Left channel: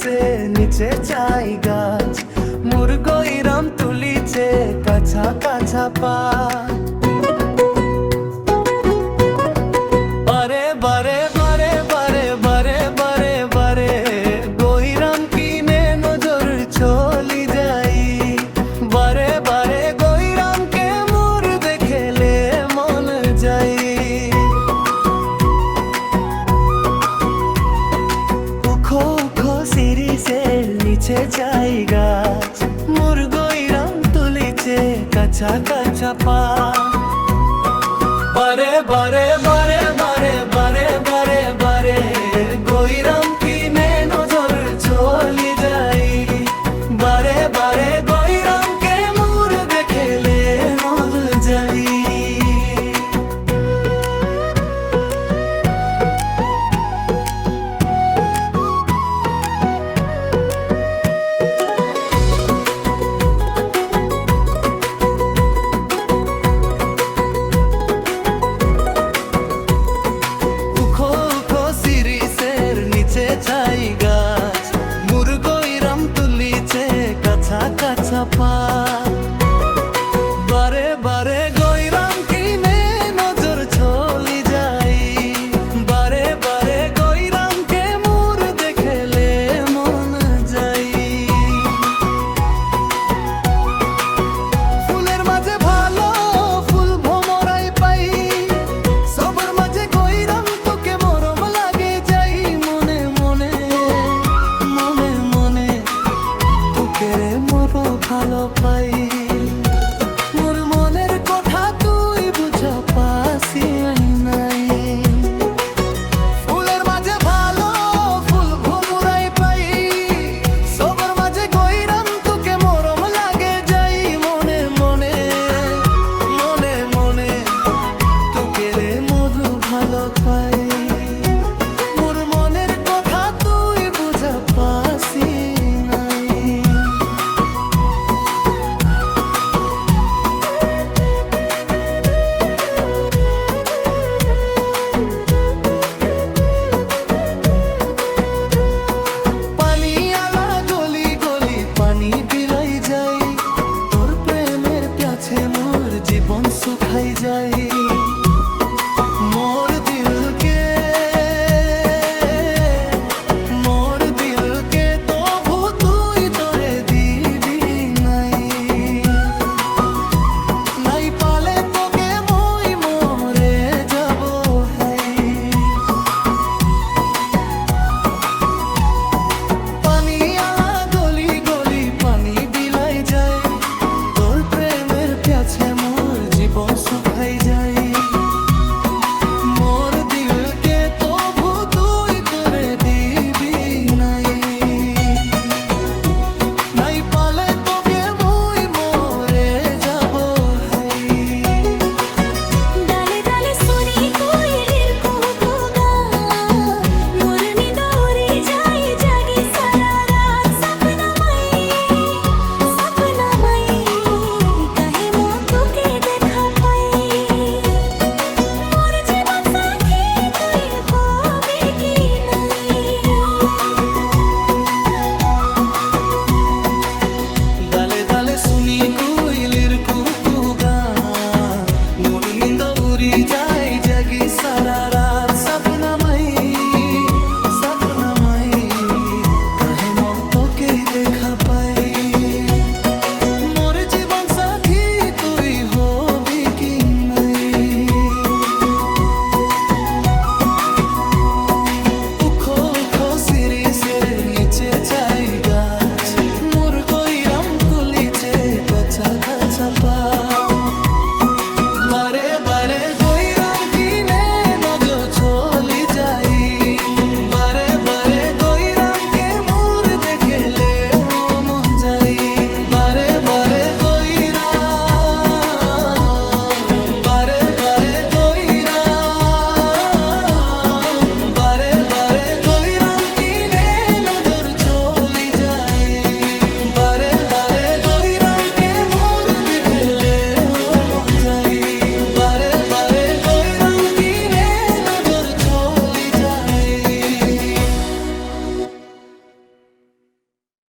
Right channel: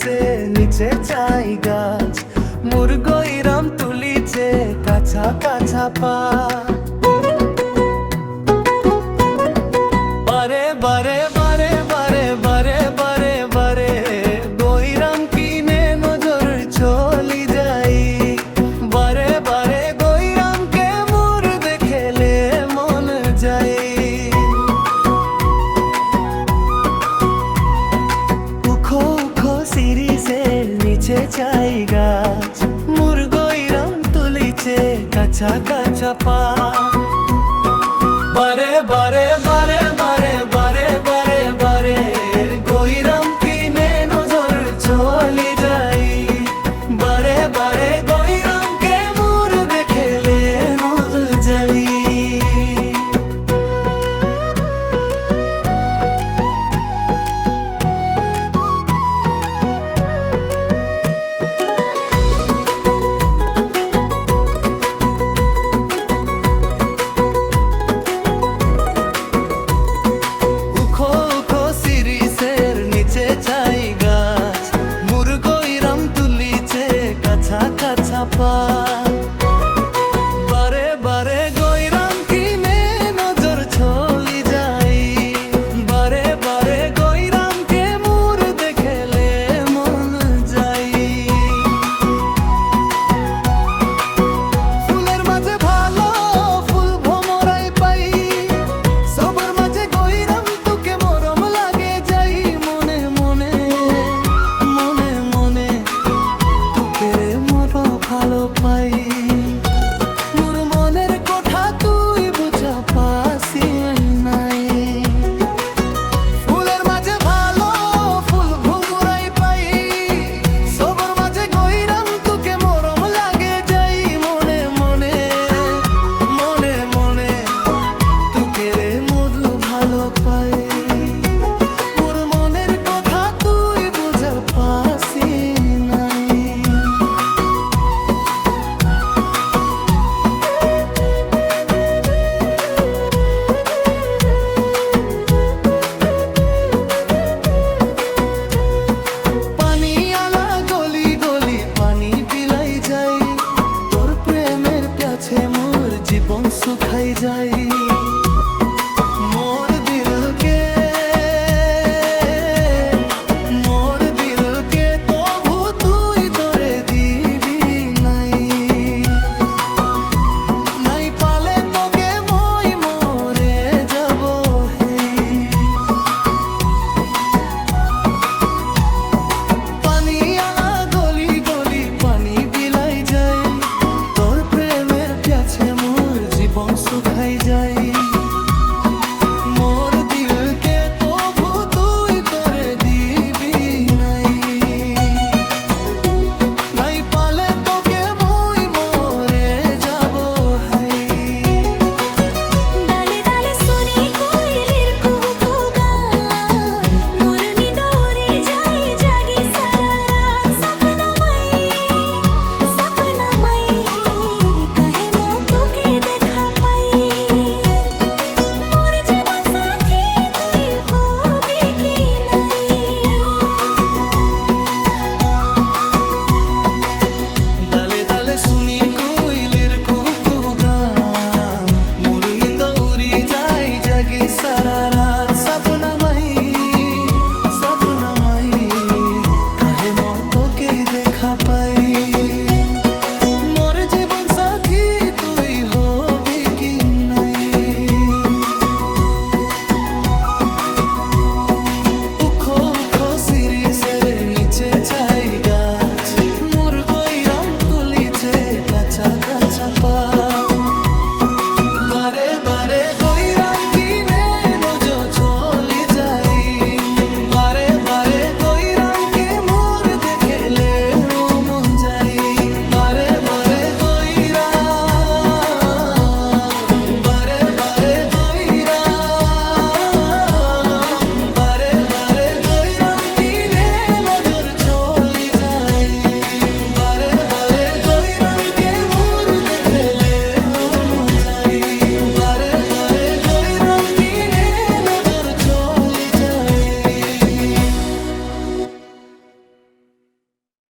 সিরিসে নিচে চাই গাছ, মুরগইরাম তুলিছে কাছা কাছা পা। বারে বারে বারে বারে বারে বারে বারে গইরাম কিনে নজর চলি যাই। বারে বারে গইরামকে মোর দেখেলে মন যাই। উখো উখো সিরিসের নিচে চাই গাছ, মুরগইরাম তুলিছে কাছা কাছা পা। বারে বারে বারে বারে বারে বারে বারে গইরাম কিনে নজর চলি যাই। বারে বারে গইরামকে মোর দেখেলে মন যাই। নিচে চাই গাছ, মুরগইরাম তুলিছে কাছা কাছা পা। বারে বারে গইরাম কিনে নজর চলি যাই। বারে বারে গইরামকে মোর দেখেলে মন যাই। ফুলের মাঝে ভালো ফুল ভমরাই পাই, সবার মাঝে গইরাম তোকে মরম লাগে যাই। মনে মনে মনে মনে তোকে মোর ভালো পাই। মোর মনের কথা তুই বুঝা পাসি নাই। ফুলের মাঝে ভালো ফুল ভমরাই পাই, সবার মাঝে গইরাম তোকে মরম লাগে যাই। মনে মনে মনে মনে তোকে মধু ভালো পাই। মোর মনের কথা তুই বুঝা পাসি নাই। পানি আলা গলি গলি পানি বিলাই যাই, তোর প্রেমের প্যাছে মোর জীবন শুকাই যাই। মোর দিলকে তবু তুই তোরে দিবি নাই। নাই পালে তোকে মই মরে যাব হেই। পানি আলা গলি গলি পানি বিলাই যায়, তোর প্রেমের প্যাছে মোর জীবন শুকাই যাই। মোর দিলকে তবু তুই তোরে দিবি নাই। নাই পালে তোকে মই মরে যাব হাই। ডালে ডালে শুনি কোয়েলের কুহু গান, মোর নিদ উড়ে যায় জাগি সারা রাত। সপনাময় কাহে মো তোকে দেখা পাই। মোর জীবন সাথী তুই হবি কি নাই। ডালে ডালে শুনি কোইলের কুকু গান, মোর নিন্দ উড়ি যায় জাগি সারা রাত। সপনাময় কাহে মো তোকে দেখা পাই। মোর জীবন সাথী তুই হবি কি নাই। উখো উখো সিরিসের নিচে চাই গাছ, মুরগইরাম তুলিছে কাছা কাছা পা। বারে বারে গইরাম